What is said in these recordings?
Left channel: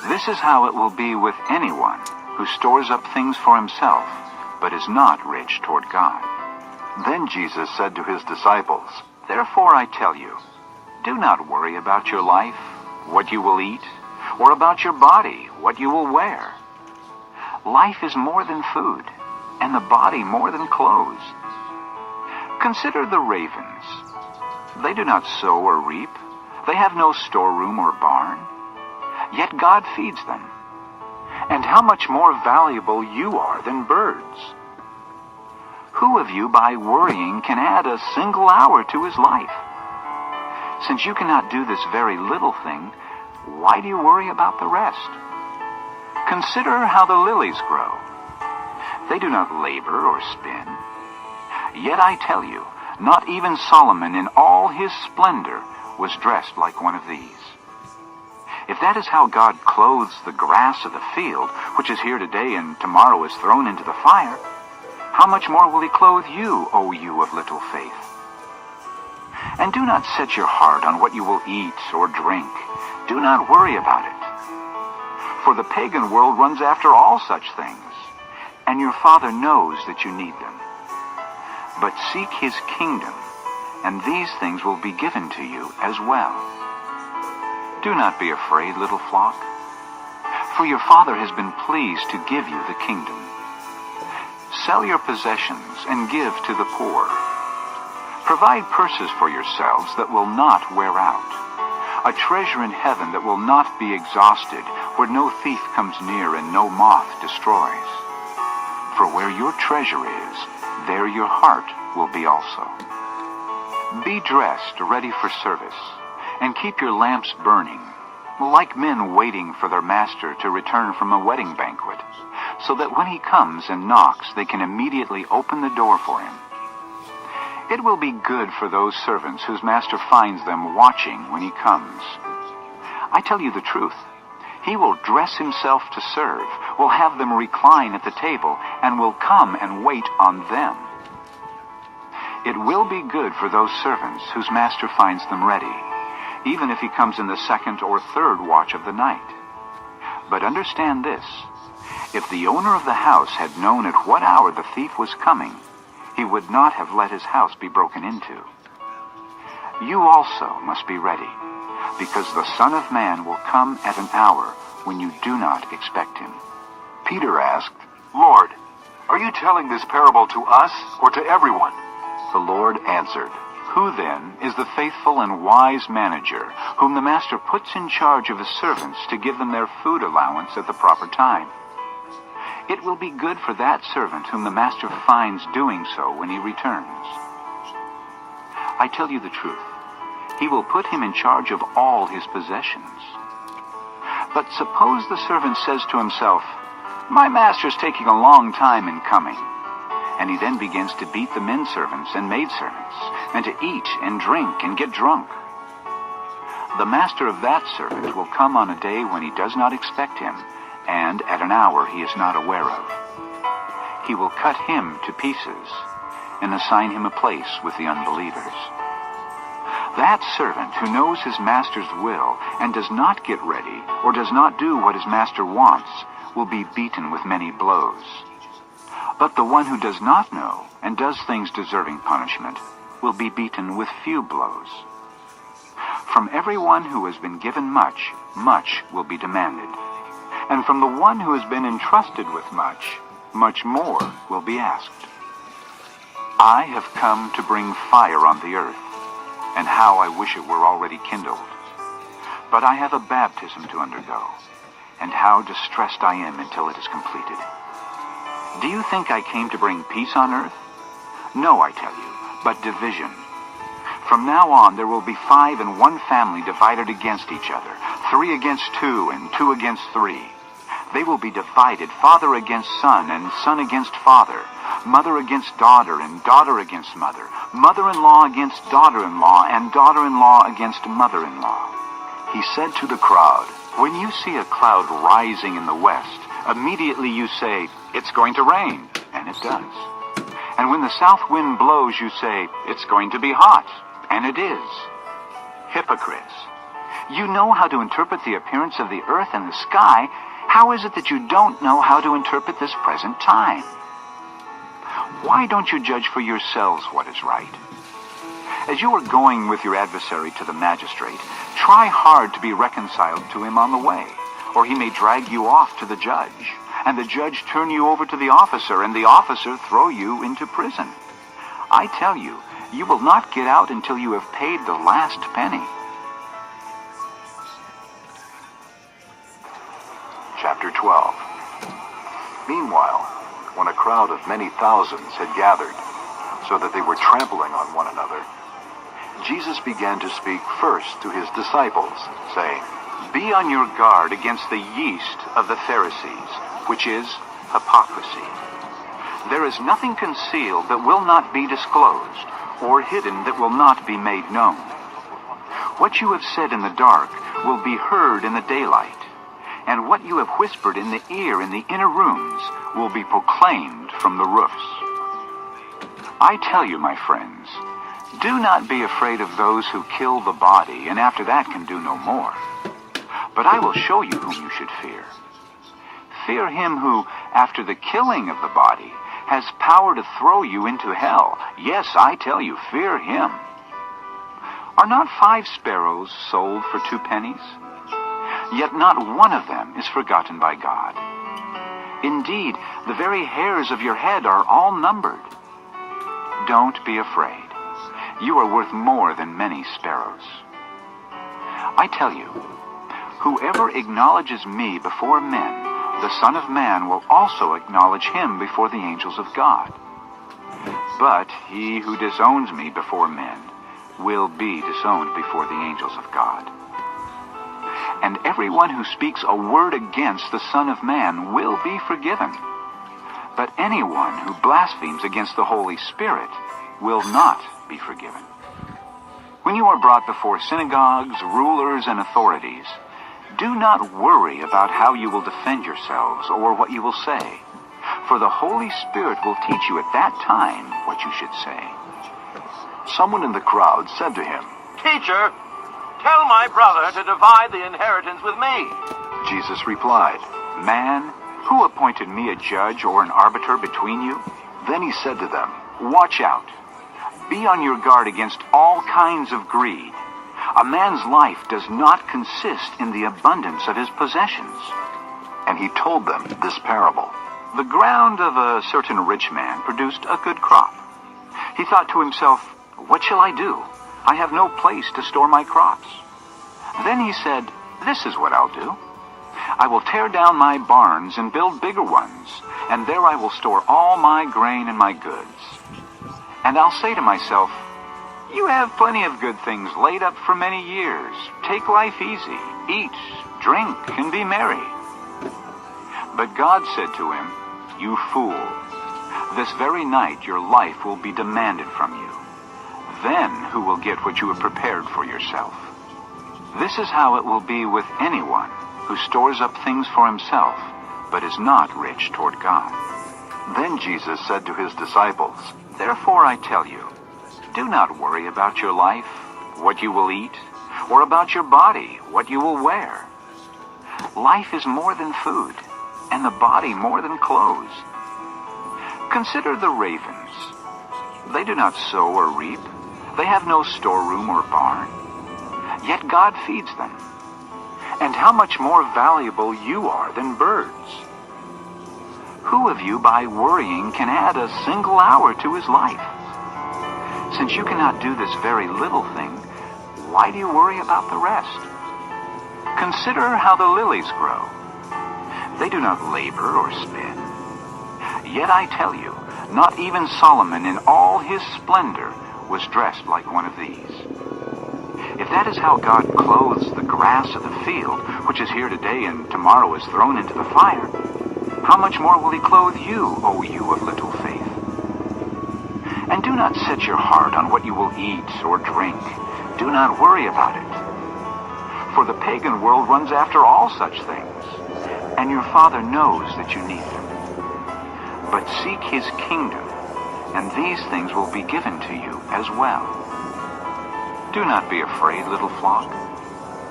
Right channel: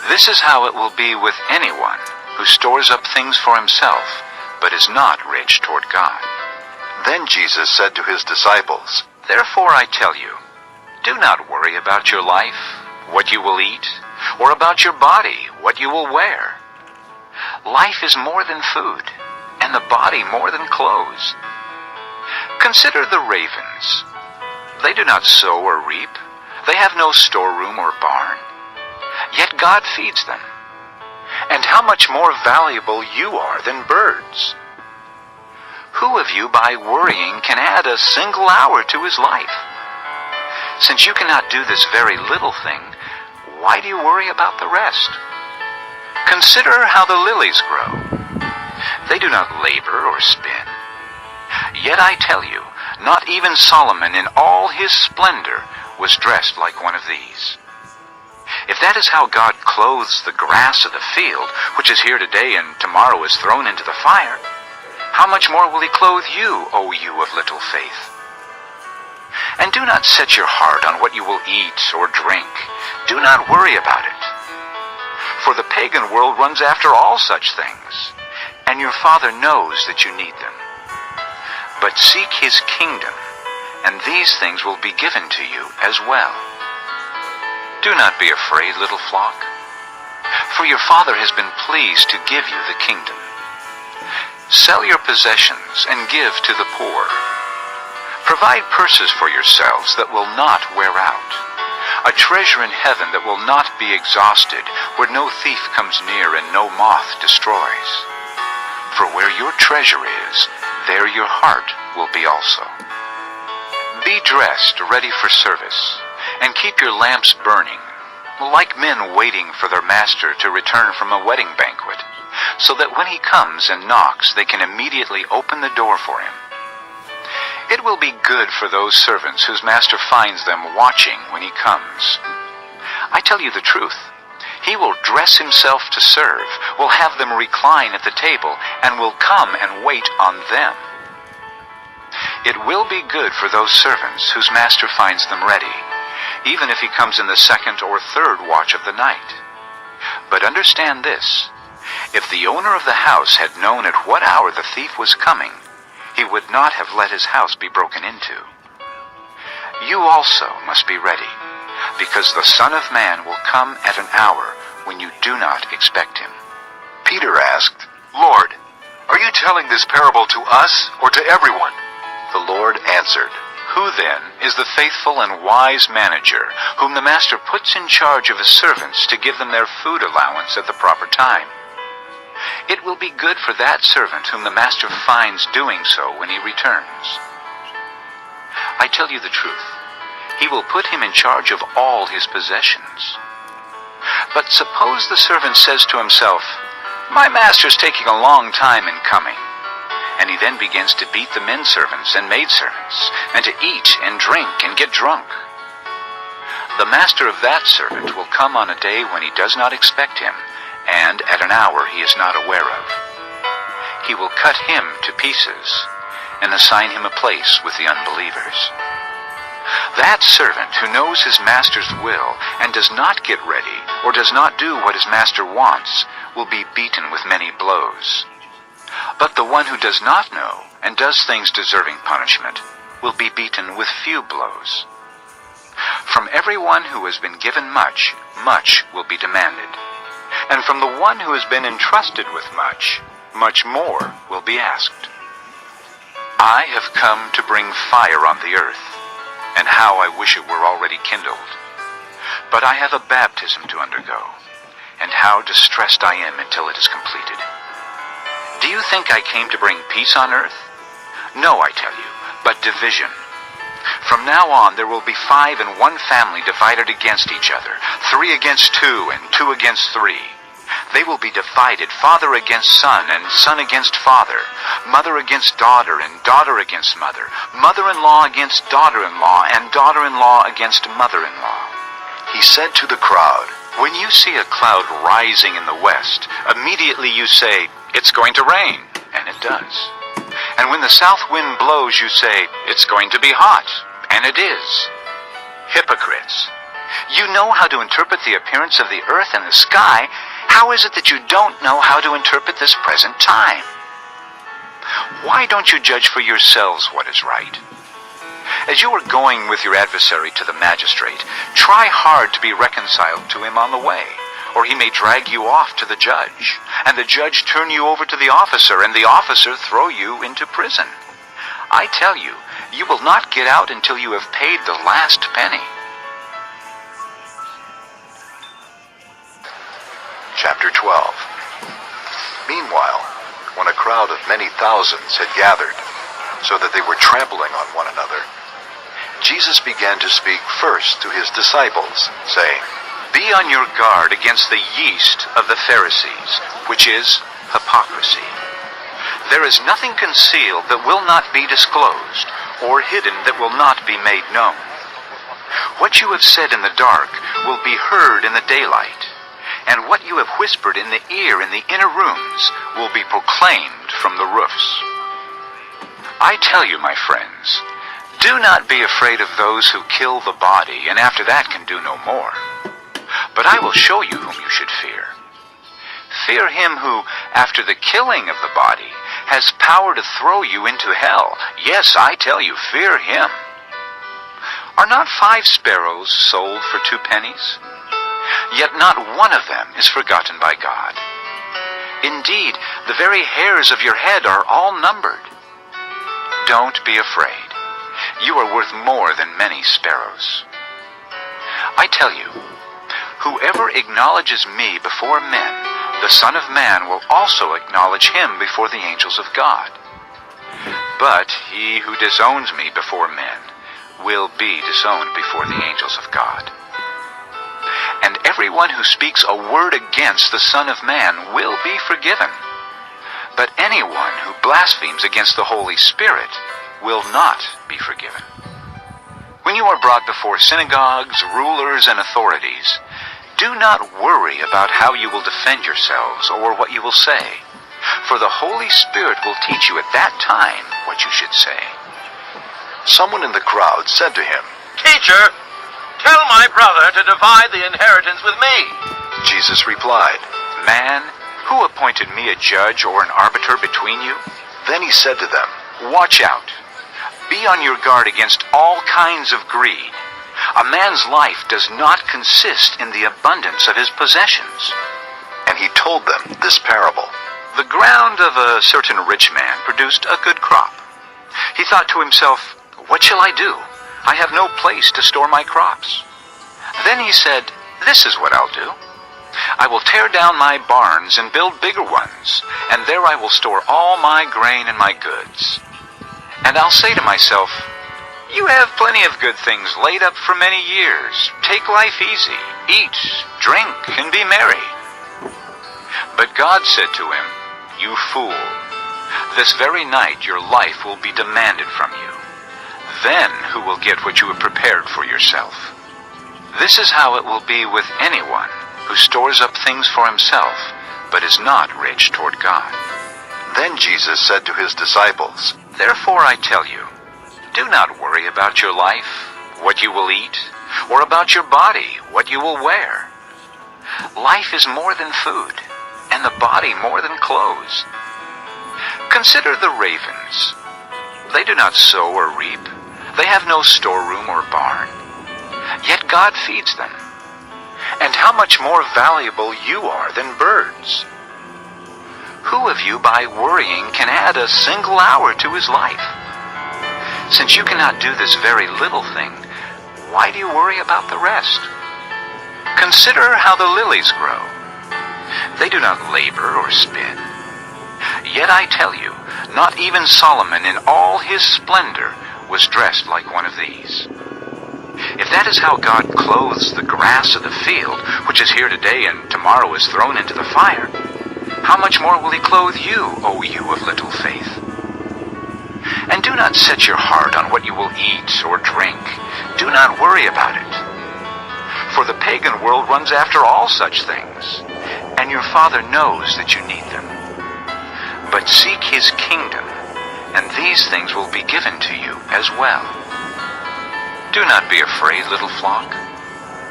This is how it will be with anyone who stores up things for himself, but is not rich toward God." Then Jesus said to his disciples, "Therefore I tell you, do not worry about your life, what you will eat, or about your body, what you will wear. Life is more than food, and the body more than clothes. Consider the ravens. They do not sow or reap. They have no storeroom or barn. Yet God feeds them. And how much more valuable you are than birds. Who of you by worrying can add a single hour to his life? Since you cannot do this very little thing, why do you worry about the rest? Consider how the lilies grow. They do not labor or spin. Yet I tell you, not even Solomon in all his splendor was dressed like one of these. If that is how God clothes the grass of the field, which is here today and tomorrow is thrown into the fire, how much more will he clothe you, O you of little faith? And do not set your heart on what you will eat or drink. Do not worry about it. For the pagan world runs after all such things, and your Father knows that you need them. But seek his kingdom, and these things will be given to you as well. Do not be afraid, little flock, for your Father has been pleased to give you the kingdom. Sell your possessions and give to the poor. Provide purses for yourselves that will not wear out, a treasure in heaven that will not be exhausted, where no thief comes near and no moth destroys. For where your treasure is, there your heart will be also. Be dressed, ready for service, and keep your lamps burning, like men waiting for their master to return from a wedding banquet, so that when he comes and knocks, they can immediately open the door for him. It will be good for those servants whose master finds them watching when he comes. I tell you the truth, he will dress himself to serve, will have them recline at the table, and will come and wait on them. It will be good for those servants whose master finds them ready, even if he comes in the second or third watch of the night. But understand this, if the owner of the house had known at what hour the thief was coming, he would not have let his house be broken into. You also must be ready, because the Son of Man will come at an hour when you do not expect him." Peter asked, "Lord, are you telling this parable to us or to everyone?" The Lord answered, Who then is the faithful and wise manager, whom the master puts in charge of his servants to give them their food allowance at the proper time? It will be good for that servant whom the master finds doing so when he returns. I tell you the truth, he will put him in charge of all his possessions. But suppose the servant says to himself, "My master's taking a long time in coming," and he then begins to beat the men servants and maidservants, and to eat and drink and get drunk. The master of that servant will come on a day when he does not expect him, and at an hour he is not aware of. He will cut him to pieces and assign him a place with the unbelievers. That servant who knows his master's will and does not get ready or does not do what his master wants will be beaten with many blows. But the one who does not know and does things deserving punishment will be beaten with few blows. From everyone who has been given much, much will be demanded. And from the one who has been entrusted with much, much more will be asked. I have come to bring fire on the earth, and how I wish it were already kindled. But I have a baptism to undergo, and how distressed I am until it is completed. Do you think I came to bring peace on earth? No, I tell you, but division. From now on there will be 5 in one family divided against each other, 3 against 2, and 2 against 3. They will be divided, father against son, and son against father, mother against daughter, and daughter against mother, mother-in-law against daughter-in-law, and daughter-in-law against mother-in-law. He said to the crowd, When you see a cloud rising in the west, immediately you say, "It's going to rain," and it does. And when the south wind blows, you say, "It's going to be hot," and it is. Hypocrites! You know how to interpret the appearance of the earth and the sky. How is it that you don't know how to interpret this present time? Why don't you judge for yourselves what is right? As you are going with your adversary to the magistrate, try hard to be reconciled to him on the way, or he may drag you off to the judge, and the judge turn you over to the officer, and the officer throw you into prison. I tell you, you will not get out until you have paid the last penny. Chapter 12. Meanwhile, when a crowd of many thousands had gathered, so that they were trampling on one another, Jesus began to speak first to his disciples, saying, Be on your guard against the yeast of the Pharisees, which is hypocrisy. There is nothing concealed that will not be disclosed, or hidden that will not be made known. What you have said in the dark will be heard in the daylight, and what you have whispered in the ear in the inner rooms will be proclaimed from the roofs. I tell you, my friends, do not be afraid of those who kill the body, and after that can do no more. But I will show you whom you should fear. Fear him who, after the killing of the body, has power to throw you into hell. Yes, I tell you, fear him. Are not 5 sparrows sold for 2 pennies? Yet not one of them is forgotten by God. Indeed, the very hairs of your head are all numbered. Don't be afraid. You are worth more than many sparrows. I tell you, whoever acknowledges me before men, the Son of Man will also acknowledge him before the angels of God. But he who disowns me before men will be disowned before the angels of God. And everyone who speaks a word against the Son of Man will be forgiven. But anyone who blasphemes against the Holy Spirit will not be forgiven. When you are brought before synagogues, rulers, and authorities, do not worry about how you will defend yourselves or what you will say, for the Holy Spirit will teach you at that time what you should say. Someone in the crowd said to him, Teacher, tell my brother to divide the inheritance with me. Jesus replied. Man, who appointed me a judge or an arbiter between you? Then he said to them, Watch out. Be on your guard against all kinds of greed. A man's life does not consist in the abundance of his possessions. And he told them this parable. The ground of a certain rich man produced a good crop. He thought to himself, What shall I do? I have no place to store my crops. Then he said, This is what I'll do. I will tear down my barns and build bigger ones, and there I will store all my grain and my goods. And I'll say to myself, You have plenty of good things laid up for many years. Take life easy, eat, drink, and be merry. But God said to him, You fool, this very night your life will be demanded from you. Then who will get what you have prepared for yourself? This is how it will be with anyone who stores up things for himself, but is not rich toward God. Then Jesus said to his disciples, Therefore I tell you, do not worry about your life, what you will eat, or about your body, what you will wear. Life is more than food, and the body more than clothes. Consider the ravens. They do not sow or reap. They have no storeroom or barn. Yet God feeds them. And how much more valuable you are than birds. Who of you, by worrying, can add a single hour to his life? Since you cannot do this very little thing, why do you worry about the rest? Consider how the lilies grow. They do not labor or spin. Yet I tell you, not even Solomon in all his splendor was dressed like one of these. If that is how God clothes the grass of the field, which is here today and tomorrow is thrown into the fire, how much more will he clothe you, O you of little faith? And do not set your heart on what you will eat or drink. Do not worry about it. For the pagan world runs after all such things, and your Father knows that you need them. But seek his kingdom, and these things will be given to you as well. Do not be afraid, little flock,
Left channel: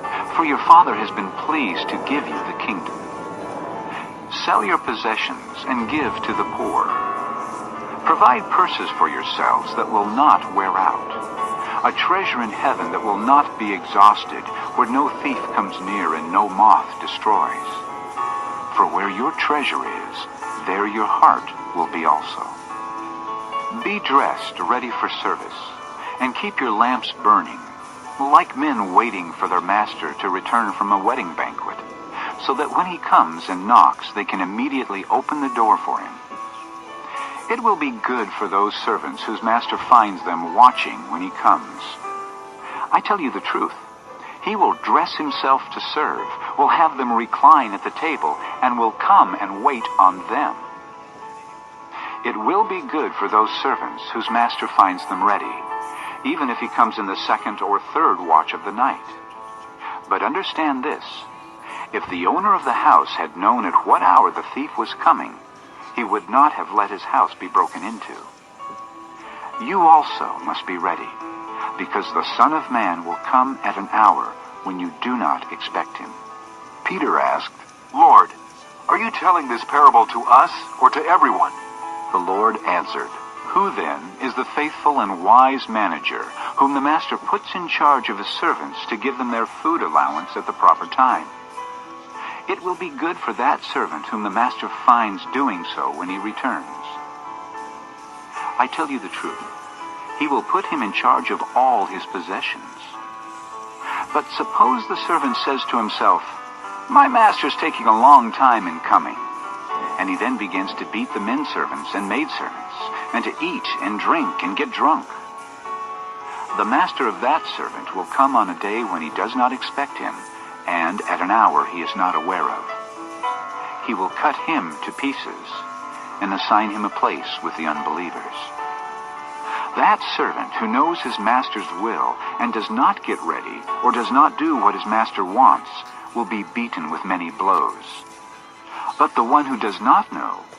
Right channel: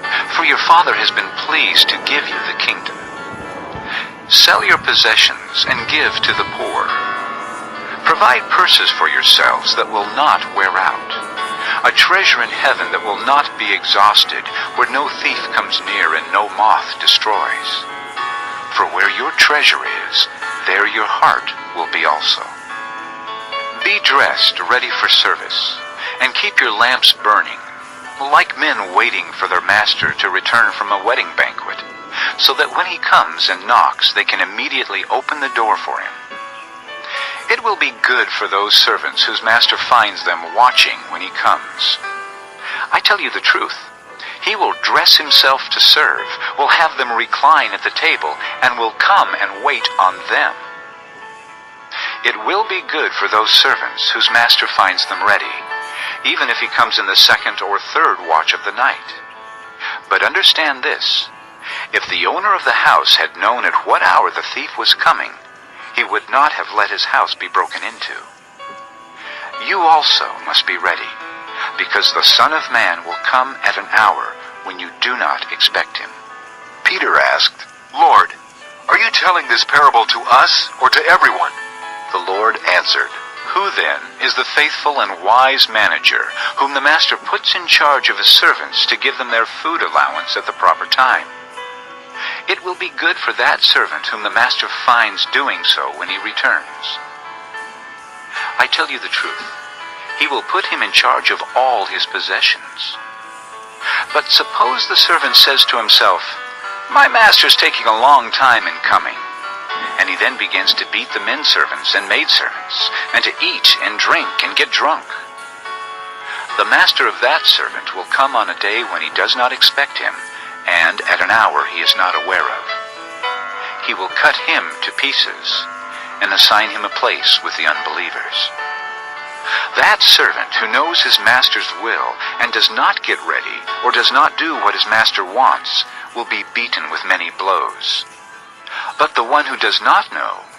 for your Father has been pleased to give you the kingdom. Sell your possessions and give to the poor. Provide purses for yourselves that will not wear out, a treasure in heaven that will not be exhausted, where no thief comes near and no moth destroys. For where your treasure is, there your heart will be also. Be dressed, ready for service, and keep your lamps burning, like men waiting for their master to return from a wedding banquet, so that when he comes and knocks, they can immediately open the door for him. It will be good for those servants whose master finds them watching when he comes. I tell you the truth. He will dress himself to serve, will have them recline at the table, and will come and wait on them. It will be good for those servants whose master finds them ready, even if he comes in the second or third watch of the night. But understand this, if the owner of the house had known at what hour the thief was coming, he would not have let his house be broken into. You also must be ready, because the Son of Man will come at an hour when you do not expect him. Peter asked, Lord, are you telling this parable to us or to everyone? The Lord answered, Who then is the faithful and wise manager, whom the master puts in charge of his servants to give them their food allowance at the proper time? It will be good for that servant whom the master finds doing so when he returns. I tell you the truth, he will put him in charge of all his possessions. But suppose the servant says to himself, My master's taking a long time in coming. And he then begins to beat the men servants and maidservants, and to eat and drink and get drunk. The master of that servant will come on a day when he does not expect him, and at an hour he is not aware of. He will cut him to pieces and assign him a place with the unbelievers. That servant who knows his master's will and does not get ready or does not do what his master wants will be beaten with many blows. But the one who does not know